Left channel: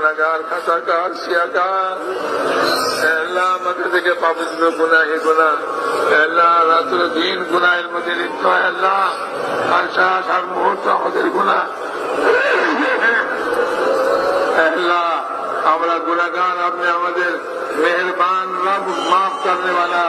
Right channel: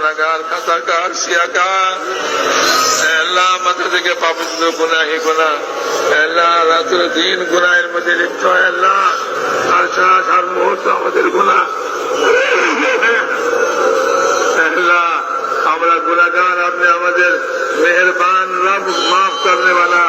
গুণাগার খাতাকার সিয়াকার আল্লাহ আমাদের থেকে পাপিত গুণা হে গুণা। আল্লাহ রাত্র দিন গুণায়ের মধ্যে লিপ্ত হয় আল্লাহ আর সারা সার মুহূর্ত আমাদের গুণা। আল্লাহ আমরা গুণাগার, আপনি আমাদের মেহরবান রব মাফ করতে वाला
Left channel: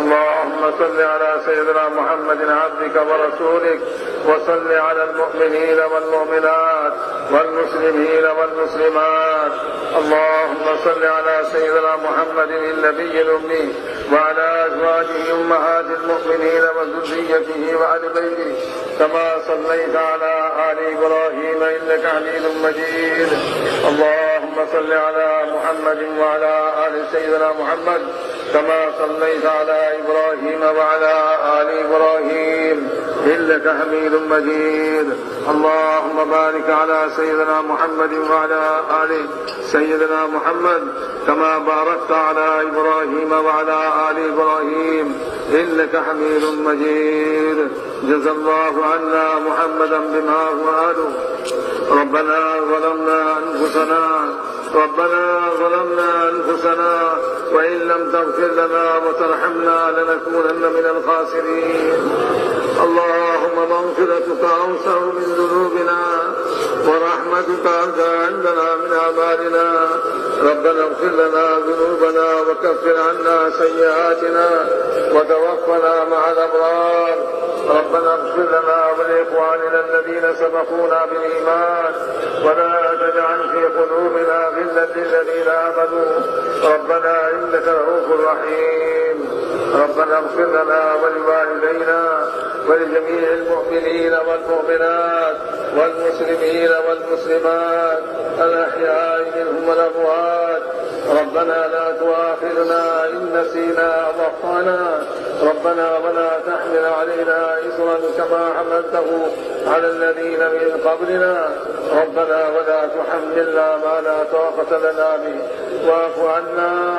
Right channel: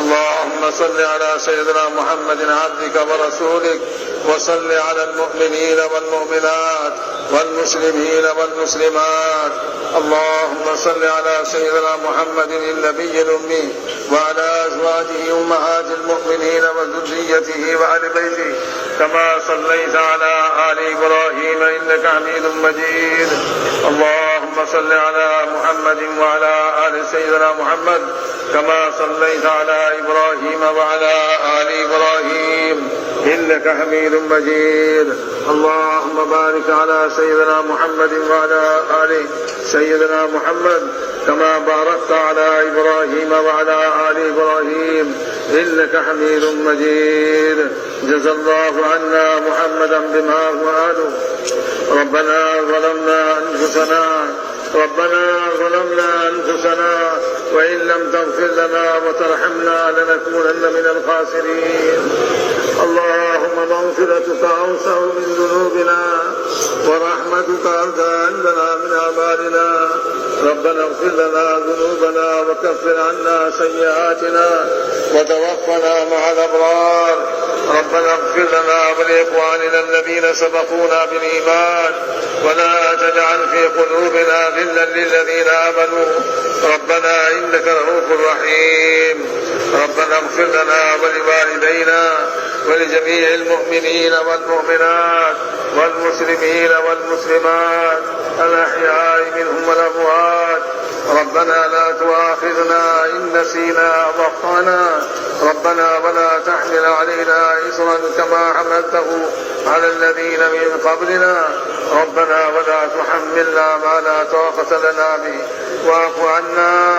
اللهم صل على سيدنا محمد عبدك ورسولك وصل على المؤمنين والمؤمنات والمسلمين والمسلمات. اللهم صل على سيدنا محمد النبي الأمي وعلى أزواجه أمهات المؤمنين وذريته وآل بيته. كما صليت على آل إبراهيم إنك حميد مجيد. اللهم صل على محمد وعلى آل سيدنا محمد. كما صليت على إبراهيم وعلى آل إبراهيم. إنك حميد مجيد. اللهم بارك على سيدنا محمد وعلى آل سيدنا محمد كما باركت على إبراهيم وعلى آل إبراهيم. إنك حميد مجيد. جزى الله عنا محمدا بما هو أهله. ربنا ظلمنا أنفسنا. ربنا ظلمنا أنفسنا وإن لم تغفر لنا وترحمنا لنكونن من الخاسرين. اللهم مغفرتك أوسع من ذنوبنا ورحمتك أرجى عندنا من أعمالنا. ربنا اغفر لنا ذنوبنا وكفر عنا سيئاتنا وتوفنا مع الأبرار. ربنا اغفر لنا ولإخواننا الذين سبقونا بالإيمان. ولا تجعل في قلوبنا غلا للذين آمنوا. ربنا إنك رؤوف رحيم. ربنا اغفر لنا ولوالدينا ولجميع المؤمنين والمؤمنات والمسلمين والمسلمات الأحياء منهم والأموات. ربنا لا تؤاخذنا إن نسينا أو ربنا ولا تحمل علينا إصرا كما حملته على الذين من قبلنا. ربنا ولا تحملنا ما لا طاقة لنا به. واعف عنا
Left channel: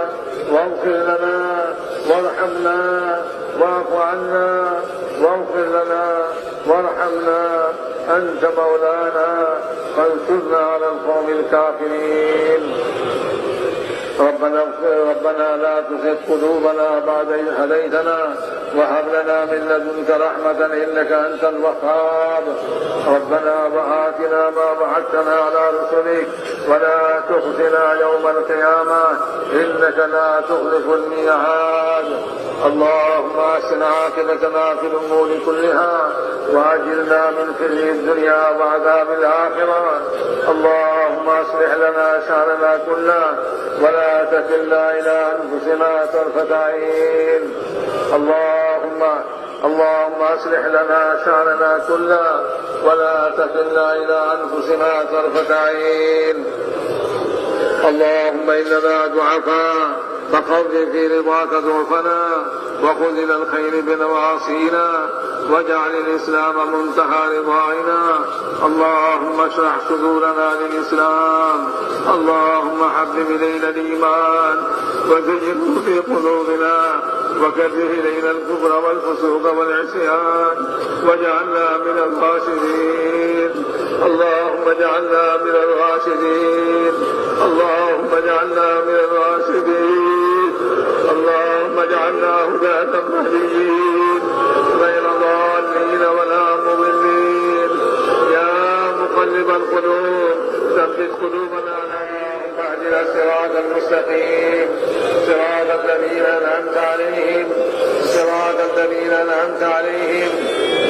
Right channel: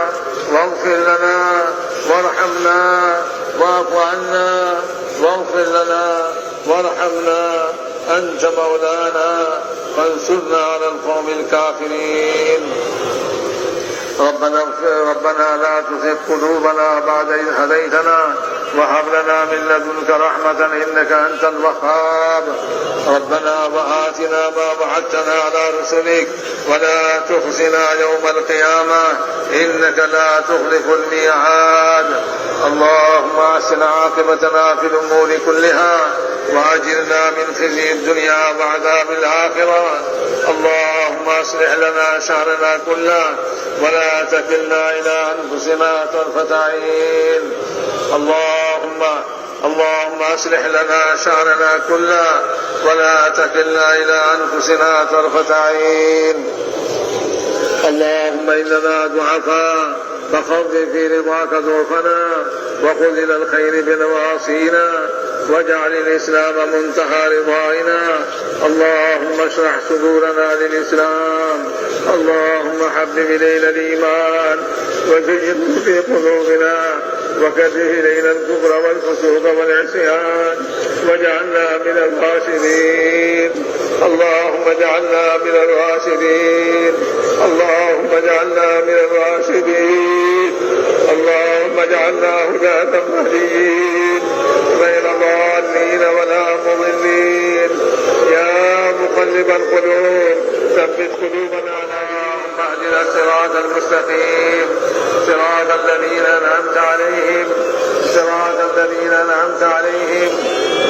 واغفر لنا وارحمنا واعف عنا واغفر لنا وارحمنا. أنت مولانا فانصرنا على القوم الكافرين. ربنا ربنا لا تزغ قلوبنا بعد إذ هديتنا. وهب لنا من لدنك رحمة إنك أنت الوهاب. ربنا وآتنا ما وعدتنا على رسلك. ولا تخزنا يوم القيامة. إنك لا تخلف الميعاد. اللهم أحسن عاقبتنا في الأمور كلها. وأجرنا من خزي الدنيا وعذاب الآخرة. اللهم أصلح لنا شأننا كله ولا تكلنا إلى أنفسنا طرفة عين. اللهم اللهم أصلح لنا شأننا كله ولا تكلنا إلى أنفسنا طرفة عين. اللهم إننا ضعفاء فقرر في رضاك ضعفنا وخذ إلى الخير بنواصينا. واجعل الإسلام منتهى رضائنا اللهم اشرح صدورنا للإسلام. اللهم حبب إلينا الإيمان. وزينه في قلوبنا. وكره إلينا الكفر والفسوق والعصيان. واجعلنا من الراشدين. اللهم اجعلنا من الراشدين. اللهم اجعلنا من الصراط المستقيم. صراط الذين أنعمت عليهم. صراط الذين أنعمت عليهم.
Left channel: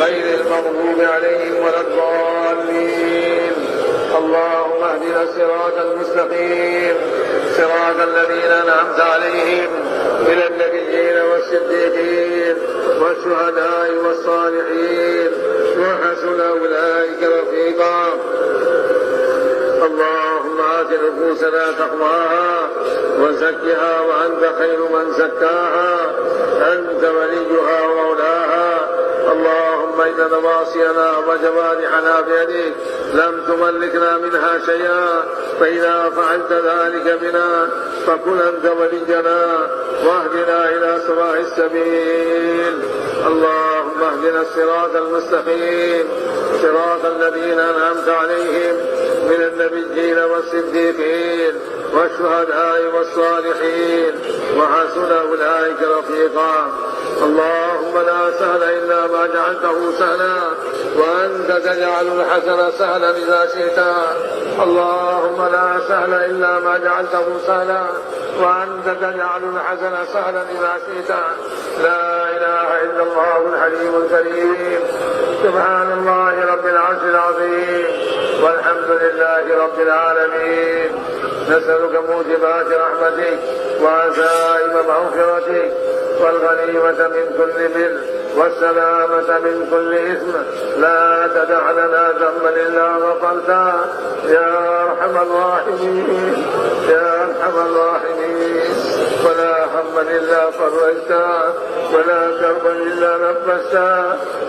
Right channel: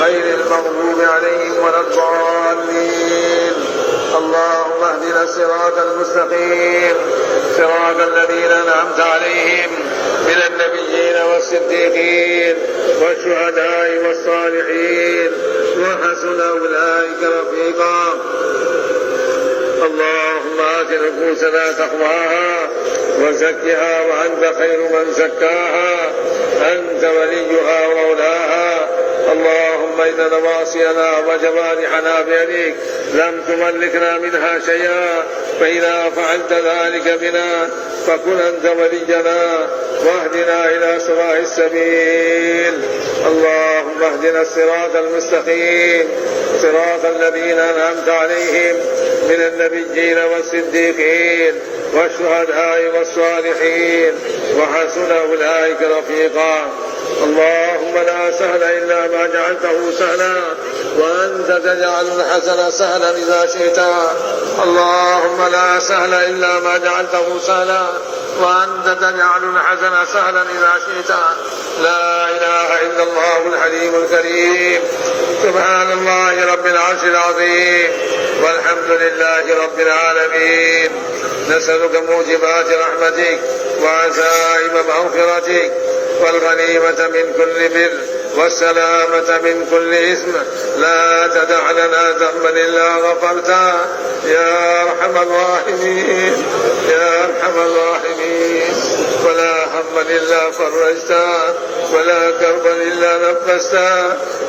غير المغضوب عليهم ولا الضالين. اللهم اهدنا الصراط المستقيم. صراط الذين أنعمت عليهم. من النبيين والصديقين والشهداء والصالحين. وحسن أولئك رفيقا. اللهم آت نفوسنا تقواها وزكها وأنت خير من زكاها. أنت وليها ومولاها. اللهم إن نواصينا وجوارحنا بيدك لم تملكنا منها شيئا فإذا فعلت ذلك بنا فكن أنت ولينا. واهدنا إلى سواء السبيل. اللهم اهدنا الصراط المستقيم صراط الذين أنعمت عليهم. من النبيين والصديقين والشهداء والصالحين وحسن أولئك رفيقا. اللهم لا سهل إلا ما جعلته سهلا وأنت تجعل الحسن سهلا إذا شئت. اللهم لا سهل إلا ما جعلته سهلا وأنت تجعل الحسن سهلا إذا شئت. لا إله إلا الله الحليم الكريم. سبحان الله رب العرش العظيم. والحمد لله رب العالمين. نسألك موجبات رحمتك وعزائم مغفرتك والغنيمة من كل بر. والسلامة من كل إثم. لا تدع لنا ذنبا إلا غفرته. يا أرحم الراحمين. يا أرحم الراحمين. ولا هما إلا فرجته. ولا كربا إلا نفسته.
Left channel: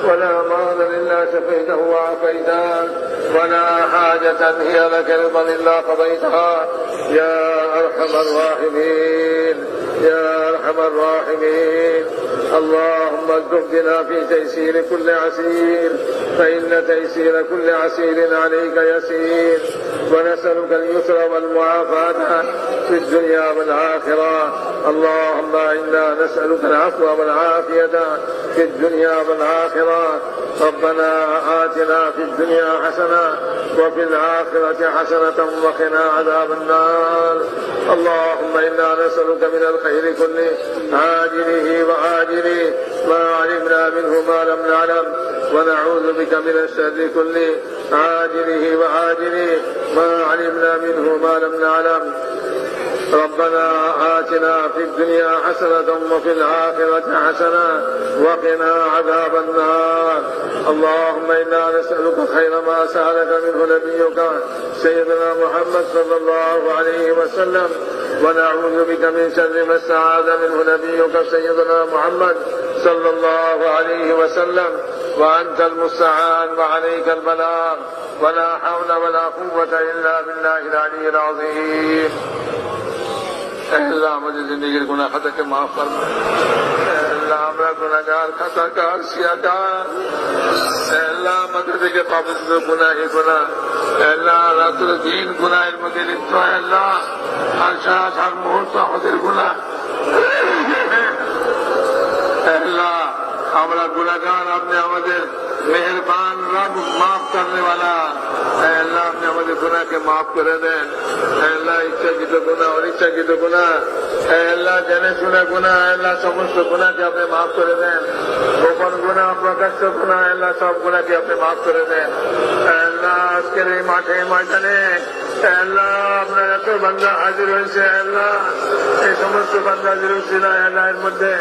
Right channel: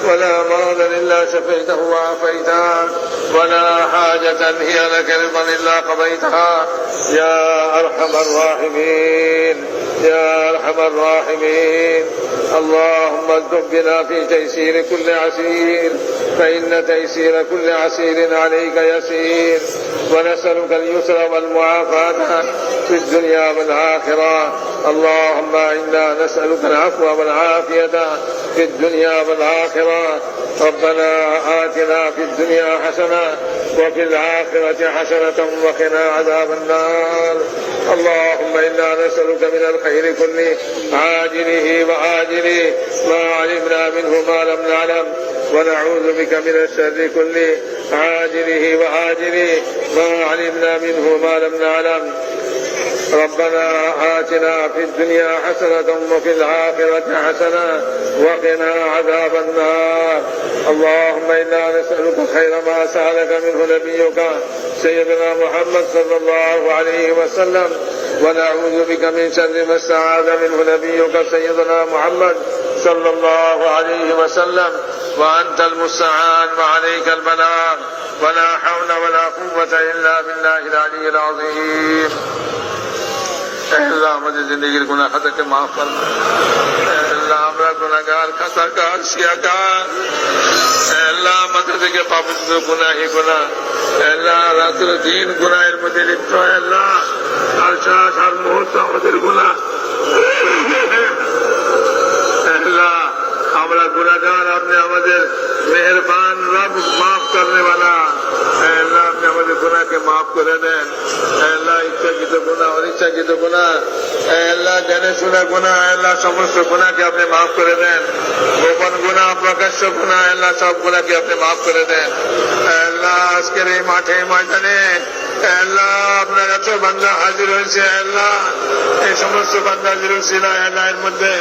ولا مرضا إلا شفيته وعافيته. ولا حاجة هي لك رضا إلا قضيتها. يا أرحم الراحمين. يا أرحم الراحمين. اللهم ارزق بنا في تيسير كل عسير فإن تيسير كل عسير عليك يسير. ونسألك اليسر والمعافاة في الدنيا والآخرة. اللهم إنا نسألك العفو والعافية في الدنيا والآخرة. ربنا آتنا في الدنيا حسنة وفي الآخرة حسنة وقنا عذاب النار. اللهم إنا نسألك من الخير كله عاجله وآجله. ما علمنا منه ما لم نعلم ونعوذ بك من الشر كله عاجله وآجله. ما علمنا منه ما لم نعلم. ربنا آتنا في الدنيا حسنة وفي الآخرة حسنة وقنا عذاب النار. اللهم إنا نسألك خير ما سألك منه نبيك سيدنا محمد صلى الله عليه وسلم. ونعوذ بك من شر ما استعاذ منه نبيك سيدنا محمد صلى الله عليه وسلم. وأنت المستعان وعليك البلاغ. ولا حول ولا قوة إلا بالله العلي العظيم. اللهم مجھے زندگی گناہ خطر کے معاف فرمائے আল্লাহ আমরা গুণাগার খাতাকার সিয়াকার আল্লাহ আমাদের থেকে পাবো গুণাহে গুণায় আল্লাহ রাত্র দিন গুণায়ের মধ্যে লিপ্ত আল্লাহ। আর সারা সার মুহূর্ত আমাদের গুণা আল্লাহ আমরা গুণাগার আপনি আমাদের মেহরবান রব মাফ করনে वाला আল্লাহ আপনি আমাদের গুণাকে মাফ করে দেন। আল্লাহ ইচ্ছাকৃত গুণা অনিচ্ছাকৃত গুণা আল্লাহ শুনে গুনাহ, আল্লাহ সমস্ত গুনাহকে আপনি মাফ করে দেন। গোপন গুনাহ, প্রকাশ্য গুনাহ, আল্লাহ সব গুনাহকে আপনি মাফ করে দেন। আল্লাহ, আজকের এই মাঠে ময়দানে, আল্লাহ, আপনার এত বান্ধা হাজির হয়েছে, আল্লাহ। এই সমস্ত বান্ধা হাজির হয়েছে আল্লাহ, এর মধ্যে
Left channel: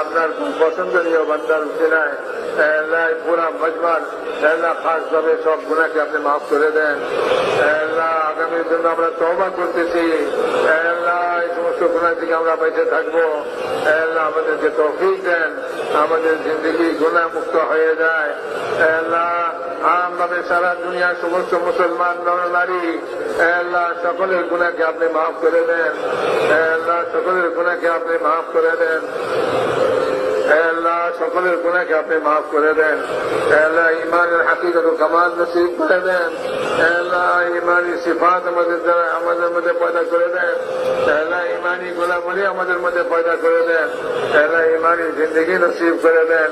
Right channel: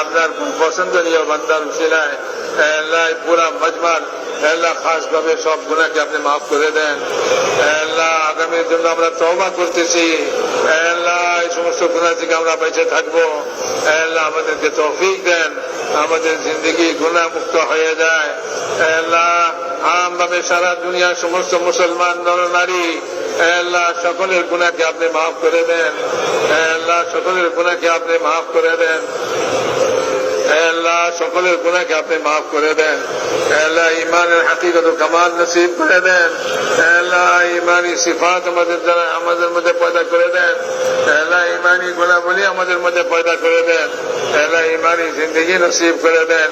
আপনার পছন্দনীয় বান্দার ছিলায় আল্লাহ পুরা মজমার আল্লাহ খাস ভাবে সব গুণাকে আপনি মাফ করে দেন। আল্লাহ আগামীর জন্য আমরা তওবা করতেছি। আল্লাহ এই সমস্ত গুণা থেকে আমরা বেঁচে থাকব। আল্লাহ আমাদেরকে তৌফিক দেন। আমাদের জিন্দগি গুণা মুক্ত হয়ে যায়। আল্লাহ আমভাবে সারা দুনিয়ার সমস্ত মুসলমান নর, নারী, আল্লাহ সকলের গুণাকে আপনি মাফ করে দেন। আল্লাহ সকলের গুণাকে আপনি মাফ করে দেন। আল্লাহ সকলের গুণাকে আপনি মাফ করে দেন। আল্লাহ ইমানের হাকিগত কামাল নসিব করে দেন। আল্লাহ ইমানি সিফাত আমাদের দ্বারা আমাদের মধ্যে পয়দা করে দেন। আল্লাহ ইমানি গুণাবলী আমাদের মধ্যে পয়দা করে দেন। আল্লাহ ইমানি জিন্দগি নসিব করে দেন।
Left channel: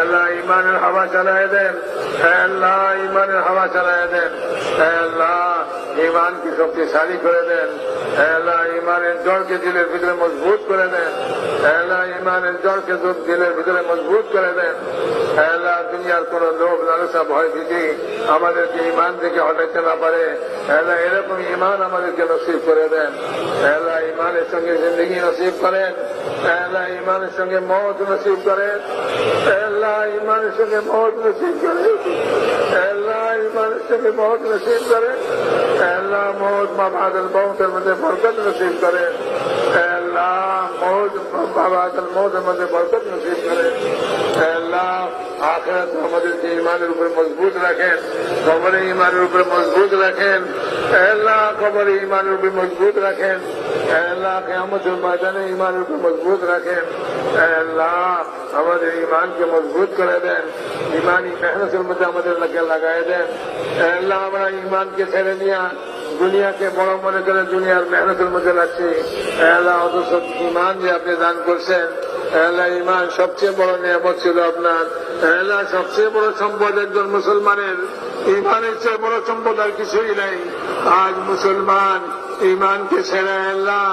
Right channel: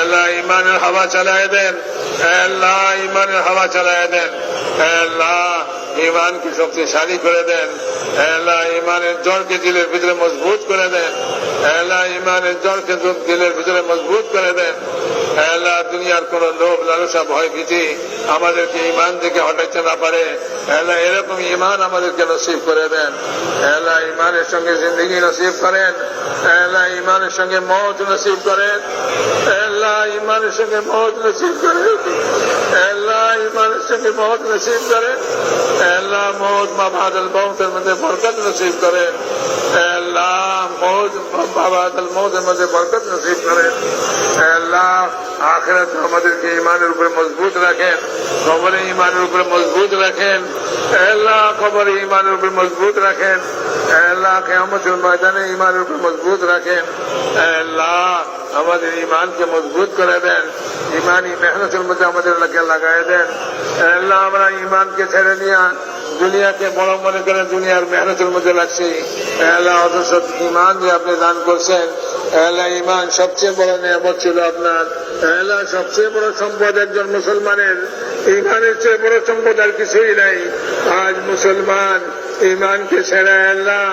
আল্লাহ ইমানের হাওয়া চালায় দেন। আল্লাহ ইমানের হাওয়া চালায় দেন। আল্লাহ ইমানকে শক্তিশালী করে দেন। আল্লাহ ইমানের জলকে দিলের ভিতরে মজবুত করে দেন। আল্লাহ ইমানের জলকে দিলের ভিতরে মজবুত করে দেন। আল্লাহ দুনিয়ার কোন লোভ লালসা ভয় ভীতি আমাদেরকে ইমান থেকে হটাইতে না পারে। আল্লাহ এরকম ইমান আমাদেরকে নসিব করে দেন। আল্লাহ ইমানের সঙ্গে জিন্দগি নসিব করেন। আল্লাহ ইমানের সঙ্গে মত নসিব করেন। আল্লাহ ইমানের সঙ্গে মত নসিব করেন। আল্লাহ ইমানের সঙ্গে মত নসিব করেন। আল্লাহ মত মা বাদল মৌতের মধ্যে বরকত নসিব করেন। বরকত নসিব করেন আল্লাহ, আখেরাত আমাদেরকে ইমানের উপরে মজবুত রাখেন কবরে ইমানের উপরে মজবুত রাখেন। আল্লাহ কবরে ইমানের উপরে মজবুত রাখেন। আল্লাহ কেমতের ময়দানে ইমানের উপরে মজবুত রাখেন। আল্লাহ, আমাদের ইমানকে মজবুত করে দেন। ইমানই মেহনতের মধ্যে আমাদের লাগাই দেন। আল্লাহ, আমরা ইমানকে ছেড়ে নিয়ে দুনিয়াকে বড় মনে করে দুনিয়ার মেহনতের মধ্যে আল্লাহ অথচ ইমান যে আপনি দান করছেন। আল্লাহ ইমান সবচেয়ে বড় নিয়ামত ছিল আপনার। আল্লাহ সবচেয়ে বড় সম্পদ একজন মুসলমানের। ইমানের চেয়ে বড় সম্পদ আর কিছুই নাই। আজ মুসলমান ইমানকে ছেড়ে আল্লাহ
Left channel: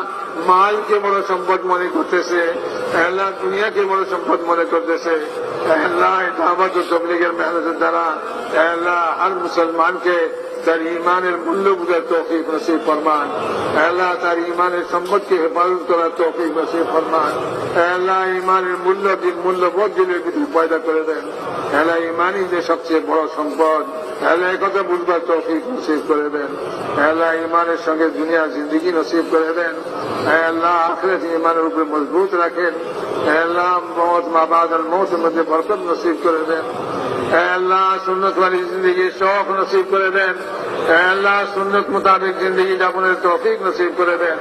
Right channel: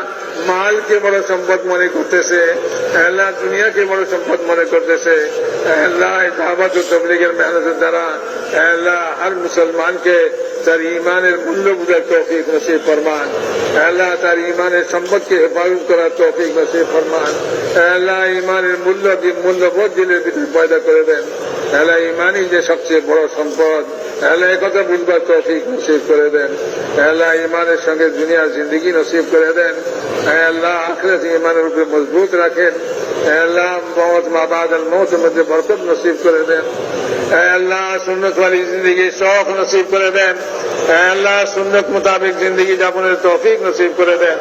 মালকে বড় সম্পদ মনে করতেছে। আল্লাহ দুনিয়াকে বড় সম্পদ মনে করতেছে। আল্লাহ দাবাত তবলিগের মেহনতের দ্বারা আল্লাহ হর মুসলমানকে তার ইমানের মূল্য বুঝার তৌফিক নসিব ফরমান। আল্লাহ তার ইমানের সম্পদকে হেফাজত করার তৌফিক নসিব ফরমান। আল্লাহ ইমানের মূল্য মূল্যবোধ দিলের ভিতরে পয়দা করে দেন। আল্লাহ ইমানই যে সবচেয়ে বড় সম্পদ, আল্লাহ কথা বুঝবার তৌফিক নসিব করে দেন। আল্লাহ ইমানের সঙ্গে দুনিয়ার জিন্দগি নসিব করে দেন। আল্লাহ আখরাত ইমানের উপরে মজবুত রাখেন। আল্লাহ মত মাবাদ আল মৌতের মধ্যে বরকত নসিব করে দেন। আল্লাহ সুন্নত ওয়ালি নসিব করে দেন। আল্লাহ, সুন্নত মোতাবেক জিন্দগি যাপনের তফিক নসিব করে দেন।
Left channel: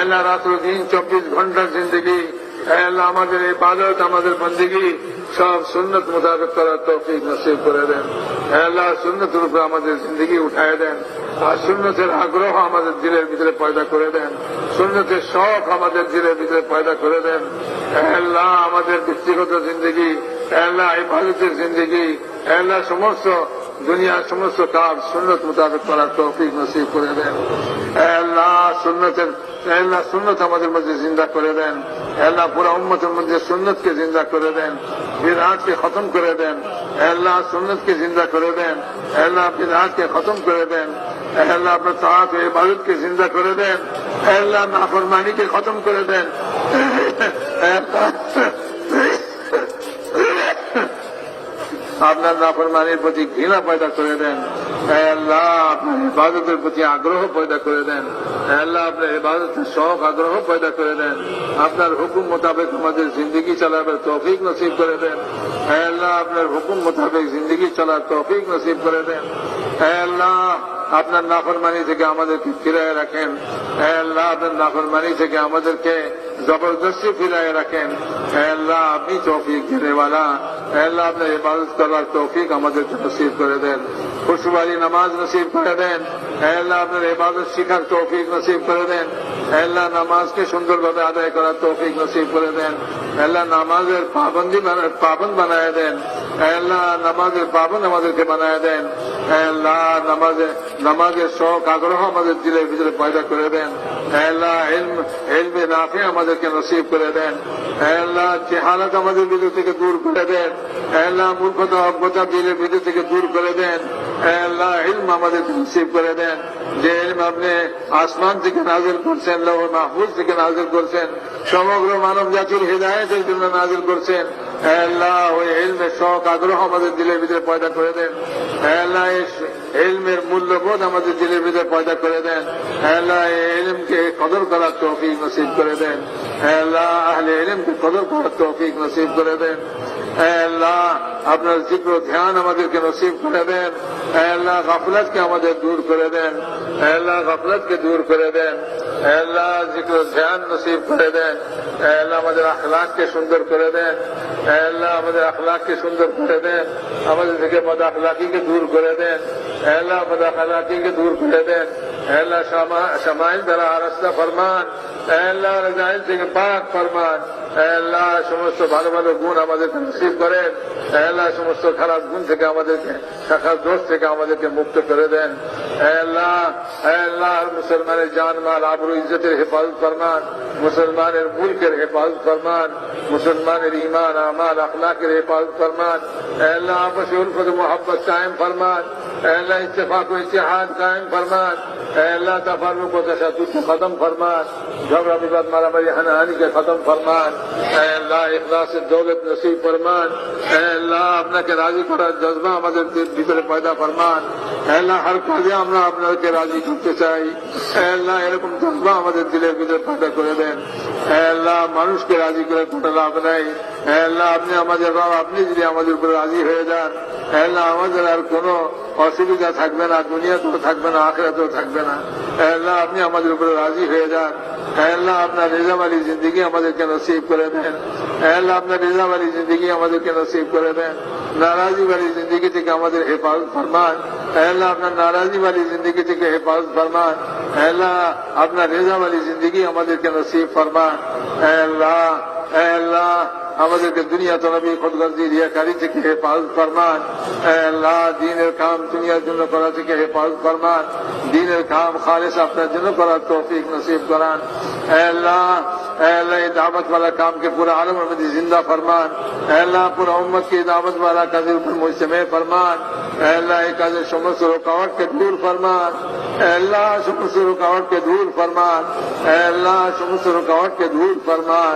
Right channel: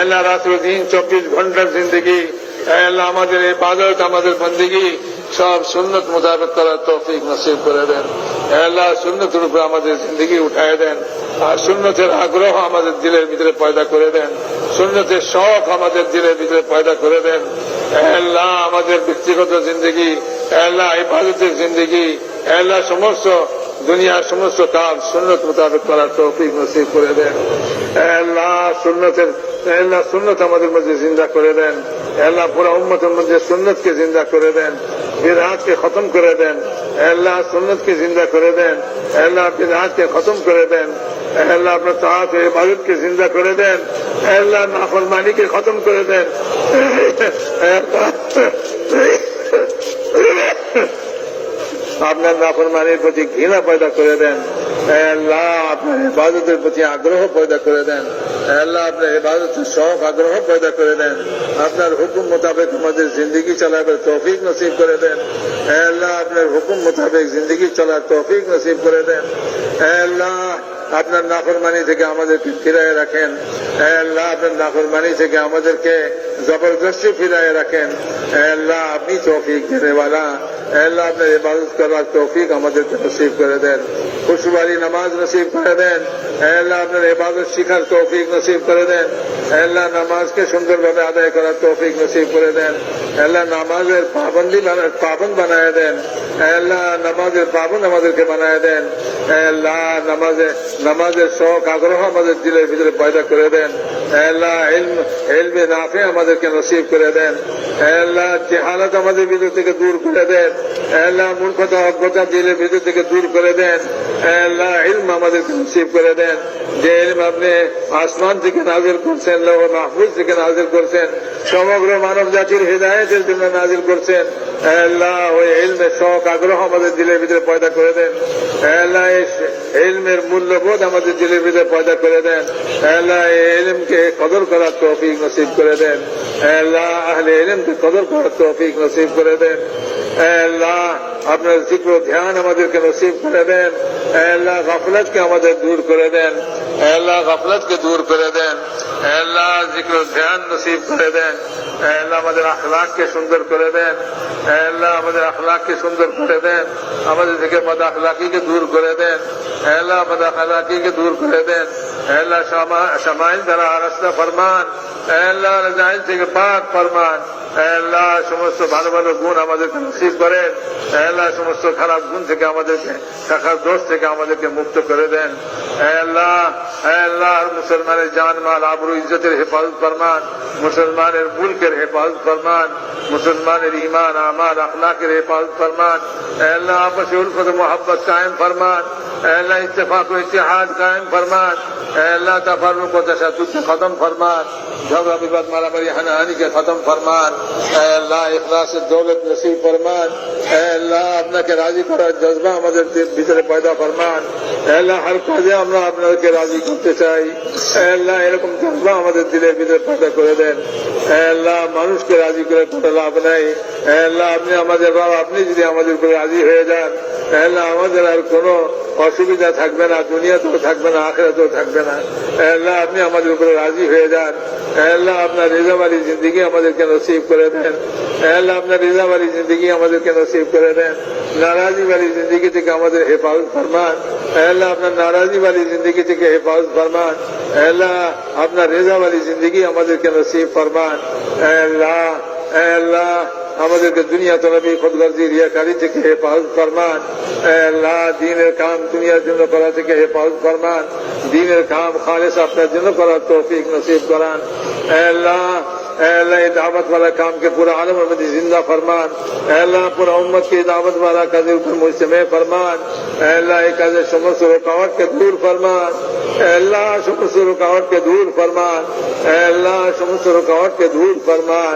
আল্লাহ, রাত্র দিন চব্বিশ ঘণ্টার জিন্দগি। আল্লাহ, আমাদের এই বাজার আমাদের বন্দিগি সব সুন্নত মোতাবেক করার তফিক নসিব করে দেন। আল্লাহ সুন্নত রূপে আমাদের জিন্দগি উঠায় দেন। আর সুন্নতের আগ্রহ আমাদের দিলের ভিতরে পয়দা করে দেন। সুন্নতের শখ আমাদের দিলের ভিতরে পয়দা করে দেন। আল্লাহ, আমাদের ব্যক্তিগত জিন্দগি আল্লাহ ইবাদতের জিন্দগি আল্লাহ সমস্ত দুনিয়ার সমস্ত কাজ সুন্নত মোতাবেক করার তৌফিক নসিব করে দেন। আল্লাহ সুন্নতের আল্লাহ সুন্নত আমাদের মধ্যে জিন্দা করে দেন। আল্লাহ পুরা উম্মতের মধ্যে সুন্নতকে জিন্দা করে দেন। বিরাটকে খতম করে দেন। আল্লাহ সুন্নতকে জিন্দা করে দেন। আল্লাহ বিরাটকে খতম করে দেন। আল্লাহ আপনার তাহাত ইবাদতকে জিন্দা করে দেন। আল্লাহ নাফরমানিকে খতম করে দেন। আপনার নাফরমানির প্রতি ঘৃণা পয়দা করে দেন। আল্লাহ, আপনার ইবাদতের প্রতি আগ্রহ পয়দা করে দেন। আল্লাহ, আপনার ইবাদতের শখ, আগ্রহ পয়দা করে দেন। আপনার হুকুম মোতাবেক আমাদের জিন্দগি চালাবার তৌফিক নসিব করে দেন। আল্লাহ, আপনার হুকুম মোতাবেক জিন্দগি চলার তৌফিক নসিব করে দেন। আল্লাহ, আপনার নাফরমানি থেকে আমাদেরকে ফিরায় রাখেন। আল্লাহ, আপনার নাফরমানি থেকে আমাদেরকে জবরদস্তি ফিরায় রাখেন। আল্লাহ, আপনি তৌফিক দেনেওয়ালা আল্লাহ, আপনার ইবাদত করার তৌফিক আমাদেরকে নসিব করে দেন। খুশবাড়ি নামাজ নসিব করে দেন। আল্লাহ, আপনার ইবাদত শিখার তৌফিক নসিব করে দেন। আল্লাহ নামাজকে সুন্দরভাবে আদায় করার তৌফিক নসিব করে দেন। আল্লাহ নামাজের পাবন্দি পাবন বানায় দেন। আল্লাহ নামাজের পাবন আমাদেরকে বানায় দেন। আল্লাহ নামাজে নামাজের শখ আগ্রহ আমাদের দিলের ভিতরে পয়দা করে দেন। আল্লাহ ইলমে নাফে আমাদেরকে নসিব করে দেন। আল্লাহ জেহালত আমাদের ভিতর থেকে দূর করে দেন। আল্লাহ মূর্খতা, অজ্ঞতা দিলের ভিতর থেকে দূর করে দেন। আল্লাহ ইলম আমাদেরকে নসিব করে দেন। যে ইলম আপনি আসমান থেকে নাজিল করছেন লোক মাহফুজ থেকে নাজিল করছেন। সমগ্র মানব জাতির হৃদায়তের জন্য নাজিল করছেন। আল্লাহ, ওই ইলমের শখ, আগ্রহ আমাদের দিলের ভিতরে পয়দা করে দেন। আল্লাহ, এই ইলমের মূল্যবোধ আমাদের দিলের ভিতরে পয়দা করে দেন। আল্লাহ, এই ইলমকে কদর করার তৌফিক নসিব করে দেন। আল্লাহ, আহলে ইলমকে কদর করার তৌফিক নসিব করে দেন। আল্লাহ, আপনার জিক্র ধ্যান আমাদেরকে নসিব করে দেন। اے اللہ غفلت کا مدد دور کرے دیں۔ اے اللہ غفلت کے دور کرے دیں۔ اے اللہ ذکر و دھیان نصیب کرے دیں۔ اے اللہ مدر اخلاق کے سندر کرے دیں۔ اے اللہ مد اخلاق کے سندر کرے دیں۔ ہمیں ذکر مد اخلاقی کے دور کرے دیں۔ اے اللہ مد اخلاقی کے دور کرے دیں۔ আল্লাহ সামাইল দ্বারা রাস্তা ফরমান আল্লাহ রাজাইন থেকে পাক ফরমান আল্লাহ সমস্ত ভালো ভালো গুণ আমাদেরকে নসিব করেন আল্লাহ সমস্ত খারাপ গুণ থেকে আমাদেরকে, শাখার দোষ থেকে আমাদেরকে মুক্ত করে দেন। আল্লাহ আল্লাহ মুসলমানের জানমাল, আবরু ইজ্জতের হেফাজত ফরমান, মুসলমানের মুলকের হেফাজত ফরমান, মুসলমানের ইমান আমার আখলাকের হেফাজত ফরমান আল্লাহ, আপসে উলফত মোহাম্মত কায়েম ফরমান আল্লাহ, ইত্তেফাক ইতিহাদ কায়েম ফরমান আল্লাহ তাফারুক ও তশাদুদ খতম ফরমান, ঝগড়া, বিবাদ, মারামারি, হানাহানি খতম ফরমান আল্লাহ ইখলাস দৌলত নসিব ফরমান আল্লাহ, আপনাকে রাজি করার জজবা আমাদের ভিতরে পয়দা ফরমান আল্লাহ, হর কাজে আমরা আপনাকে রাজি করতে চাই। আল্লাহ এরকম জন্ম আমাদের দিলের ভিতরে পয়দা করে দেন। আল্লাহ মানুষকে রাজি করে কোনো লাভ নাই। আল্লাহ, আপনি আমাদের বাবা আপনি যদি আমাদের উপরে রাজি হয়ে যান আল্লাহ, আমাদের আর কোনো অসুবিধা থাকবে না, দুনিয়াতেও থাকবে না, আখেরাতেও থাকবে না। আল্লাহ, আপনি আমাদের উপরে রাজি হয়ে যান। আল্লাহ, আপনার রিজাবালি জিন্দিগি আমাদেরকে নসিব করে দেন। আল্লাহ, আপনার রিজাবালি জিন্দিগি আমাদেরকে নসিব করে দেন। নারাজি বালি জিন্দিগি থেকে আমাদের হেফাজত ফরমান। আল্লাহ, আপনার নারাজি বালি জিন্দিগি থেকে হেফাজত ফরমান। আল্লাহ, আপনার রেজা জিন্দিগি আমাদেরকে নসিব ফরমান। আল্লাহ আল্লাহ। আমাদেরকে দুনিয়া তলবি খুদগর্জি, রিয়াকারি থেকে হেফাজত ফরমান। দিনের কাম দুনিয়ার জন্য করা থেকে হেফাজত ফরমান। দিনের কাম খালেস আপনার জন্য করার তৌফিক নসিব করান। আল্লাহ اے اللہ یہ دعوت والا کام کے پورا عالم میں زندہ فرمان اے اللہ پورا امت کی دعوت والا قدر کو مجتمع فرمان اے اللہ یہ قدر شمس رکاوٹ کے دور فرمان اے اللہ شمس رکاوٹ کے دور فرمان اے اللہ شمس رکاوٹ کے دور فرمان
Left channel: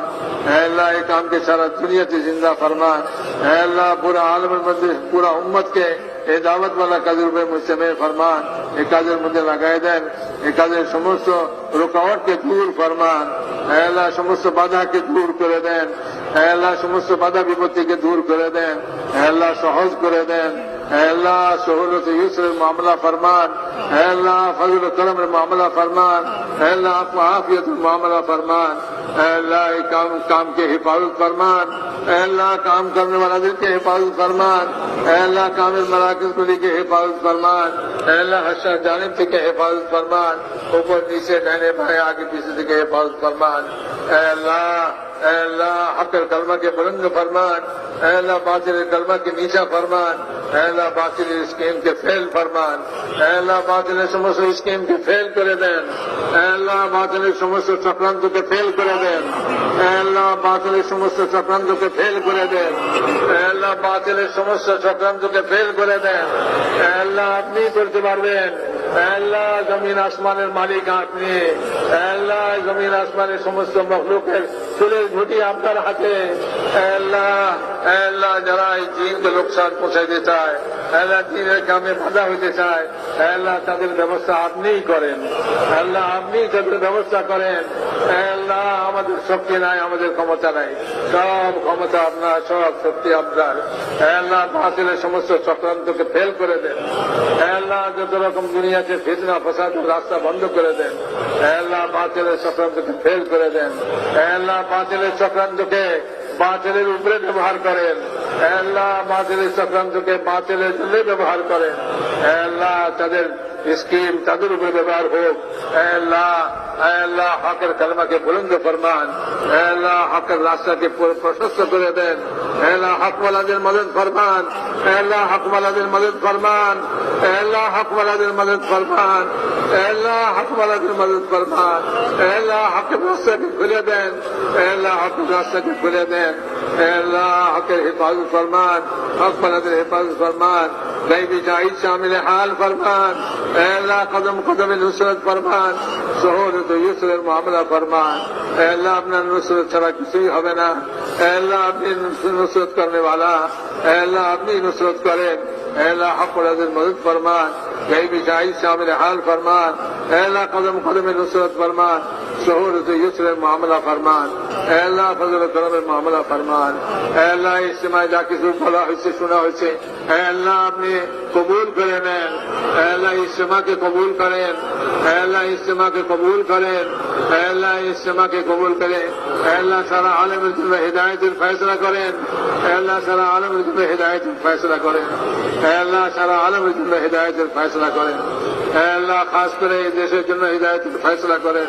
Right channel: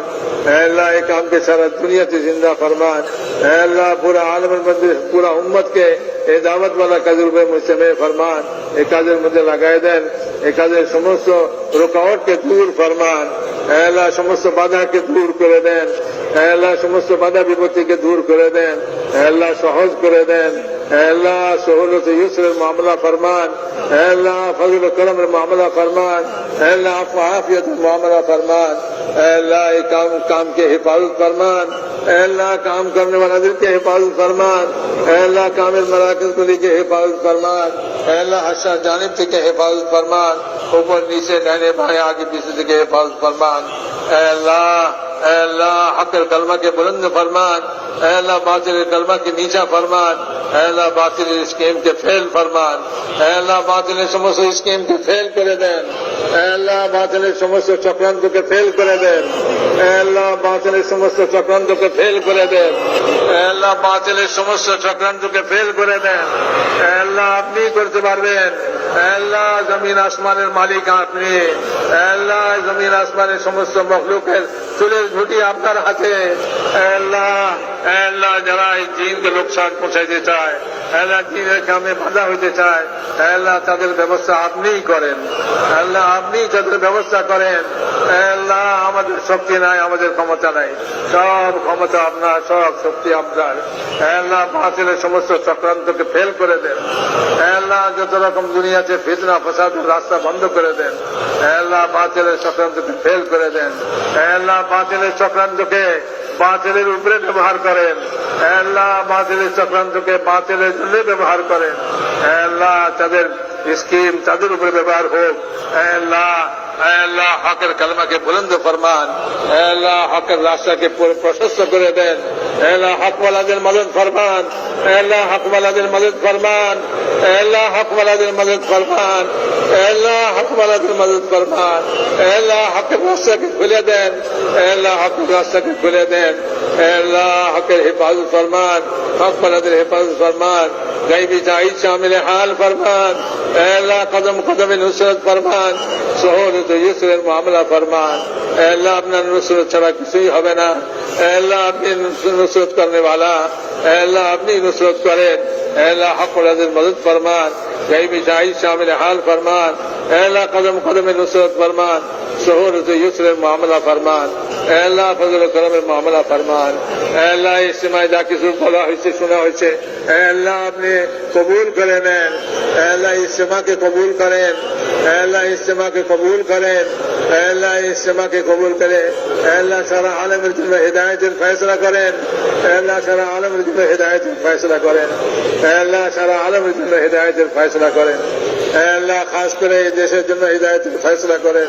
اے اللہ یہ کام کے سارا دنیا سے زندہ فرمان اے اللہ پورا عالم مجلس پورا امت کے اے دعوت والا قدر میں مجتمع فرمان، اے قدر مجھے لگائے دین، اے قدر شمس رکاوٹ کے دور فرمان اے اللہ سمجھ سبادہ کے دور کرے ویدین اللہ সমস্ত বাধা বিপত্তিকে দূর করে দেন اللہ সহজ করে দেন اللہ سہولت یسر معاملہ فرمان۔ اللہ فضل کرم معاملہ فرمان۔ اللہ عافیت معاملہ فرمان۔ اللہ کام کام کے حفاظت فرمان۔ اللہ کام کرنے والا دل کے حفاظت فرمان۔ اللہ کامل مراکز کو دیجیے حفاظت فرمان۔ اللہ حسا جانب سے کے حفاظت فرمان۔ اوپر نیچے نئے بھائیں آگے پیچھے تھی کہ حفاظت فرمان۔ আল্লাহ আল্লাহ, হকের কলমাকে বুলন্দ ফরমান। আল্লাহ, বাতিলের কলমাকে নিচা ফরমান। আল্লাহ, বাতিলের স্কিমকে ফেল ফরমান। আল্লাহ, বাতিলের সমস্ত স্কিমকে ফেল করে দেন। এলা বাতিলের সমস্ত চক্রান্তকে ফেল করে দেন। আল্লাহ, বাতিলের সমস্ত চক্রান্তকে ফেল করে দেন। এলা বাতিলের সমস্ত চক্রান্তকে ফেল করে দেন। আল্লাহ আপনি করতে পারবেন। আল্লাহ জমিন আসমানের মালিক আপনি। আল্লাহ জমিন আসমানের সমস্ত মখলুকের চুলের ঝুটি আপনার হাতে। আল্লাহ আল্লাহ যারা এই দিনকে লোকসান পৌঁছাইতে চায়, আল্লাহ দিনের কামে বাধা হইতে চায়, আল্লাহ তাদের ব্যবস্থা আপনিই করেন। আল্লাহ আপনি তাদের ব্যবস্থা করেন। আমাদের শক্তি নাই, আমাদের ক্ষমতা নাই। সব ক্ষমতা আপনার, সব শক্তি আপনার। আল্লাহ বাতিলের সমস্ত চক্রান্তকে ফেল করে দেন। আল্লাহ যত রকম দুনিয়াতে ফিতনা ফসাদের রাস্তা বন্ধ করে দেন। আল্লাহ বাতিলের চক্রান্তকে ফেল করে দেন। আল্লাহ বাতিলের চক্রান্তকে বাতিলের উপরে ব্যবহার করেন। আল্লাহ বাতিলের চক্রান্তকে বাতিলের জন্য ব্যবহার করেন। আল্লাহ তাদের স্কিম তাদের উপরে ব্যবহার হোক আল্লাহ আল্লাহ হকের কালমাকে বুলন্দ ফরমান আল্লাহ হকের রাস্তাকে প্রশস্ত করে দেন আল্লাহ হকওয়ালাদের মদত ফরমান আল্লাহ হকওয়ালাদের মদত ফরমান আল্লাহ হকওয়ালাদের মদত ফরমান আল্লাহ হকওয়ালাদের মদত ফরমান আল্লাহ হকের রাস্তাকে খুলে দেন আল্লাহ হকের রাস্তাকে খুলে দেন আল্লাহ হকের হেফাজত ফরমান হকওয়ালাদের হেফাজত ফরমান غیب تائید شامل حال فرمان، اے اللہ قدم قدم نصرت فرمان، سہولت و یسر معاملہ فرمان، اے اللہ اپنا نصرت سوا کسی ہے اے اللہ اپنی نصرت کرنے والا، اے اللہ اپنی نصرت کرے، اے اللہ حق و العزت مدد فرمان، غیب تائید شامل حال فرمان، اے اللہ قدم قدم نصرت فرمان শহরত ইসরের মামলা ফরমান আল্লাহ ফজল করমের মামলা ফরমান আল্লাহ ইসমাই যা কিছু বলা হয়েছে শোনা হয়েছে আল্লাহ আপনি কবুল করে নেন আল্লাহ ইসমাকে কবুল করেন আল্লাহ ইসমাকে কবুল করেন আল্লাহ ইসমাকে কবুল করেন আল্লাহ সারা আলমের জন্য হৃদায়তের ফয়সলা করেন আল্লাহ সারা আলমের জন্য হৃদায়তের ফয়সলা করেন আল্লাহ সারা আলমের জন্য হৃদায়তের ফয়সলা করেন আল্লাহ খাস করে এই দেশের জন্য হৃদায়তের ফয়সলা করেন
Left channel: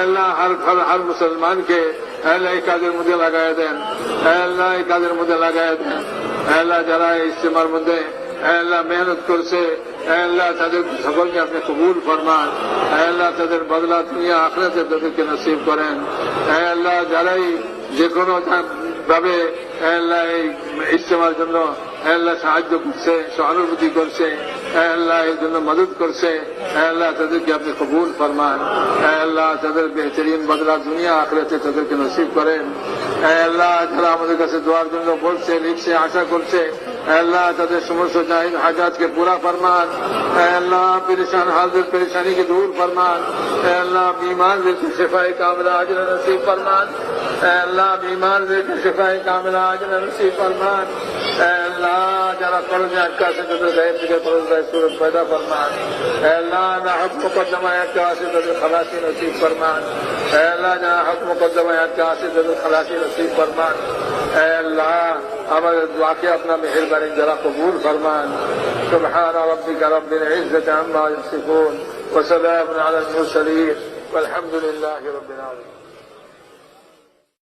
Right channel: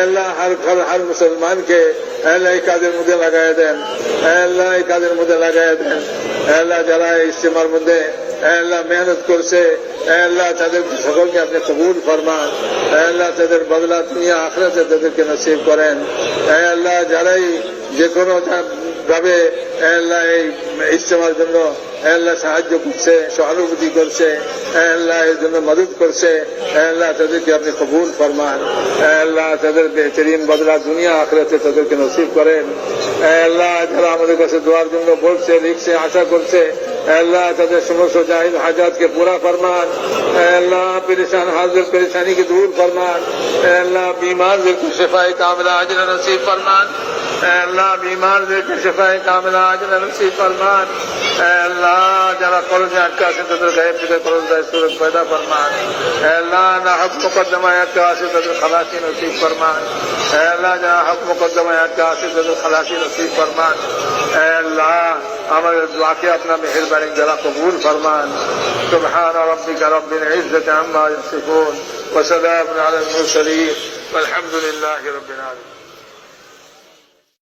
আল্লাহ হর হর মুসলমানকে আল্লাহ এই কাজের মধ্যে লাগাই দেন। আল্লাহ এই কাজের মধ্যে লাগাই দেন। আল্লাহ যারা এই ইস্তেমার মধ্যে আল্লাহ মেহনত করছে, আল্লাহ তাদের সকলকে আপনি কবুল ফরমান। আল্লাহ তাদের বদলা দুনিয়া আখড়াতে তাদেরকে নসিব করেন। আল্লাহ যারাই যে কোনো ভাবে আল্লাহ এই ইস্তেমার জন্য আল্লাহ সাহায্য করছে, সহানুভূতি করছে, আল্লাহ এর জন্য মদত করছে, আল্লাহ তাদেরকে আপনি কবুল ফরমান, আল্লাহ তাদের বেহতরিন বদলা দুনিয়া আখড়াতে তাদেরকে নসিব করেন, আল্লাহ যারা আমাদের কাছে দোয়ার জন্য বলছে, লিখছে, আশা করছে, আল্লাহ তাদের সমস্ত জাহিদ হাজাতকে পুরা ফরমান, আল্লাহ پریشان حاضر پریشانی کو دور فرمان اے اللہ بیمار دیکھ شفا کاملہ اجر نصیب فرمان اے اللہ بیمار دیکھ شفا کاملہ اجر نصیب فرمان اے اللہ اللہ جرا قرض اٹکا سے تدر غیب سے قرض دے صورت پیدا فرما اے اللہ نہ حق مقدمہ اٹکا سے تدر خلاصی نصیب فرما اے اللہ جا حق مقدمہ اٹکا سے تدر خلاصی نصیب فرما اے اللہ আমাদের দোয়াকে আপনার মেহেরবানি যারা কবুল ফরমান سبحان ربك رب العزة عما يصفون وسلام على المرسلين والحمد لله رب العالمين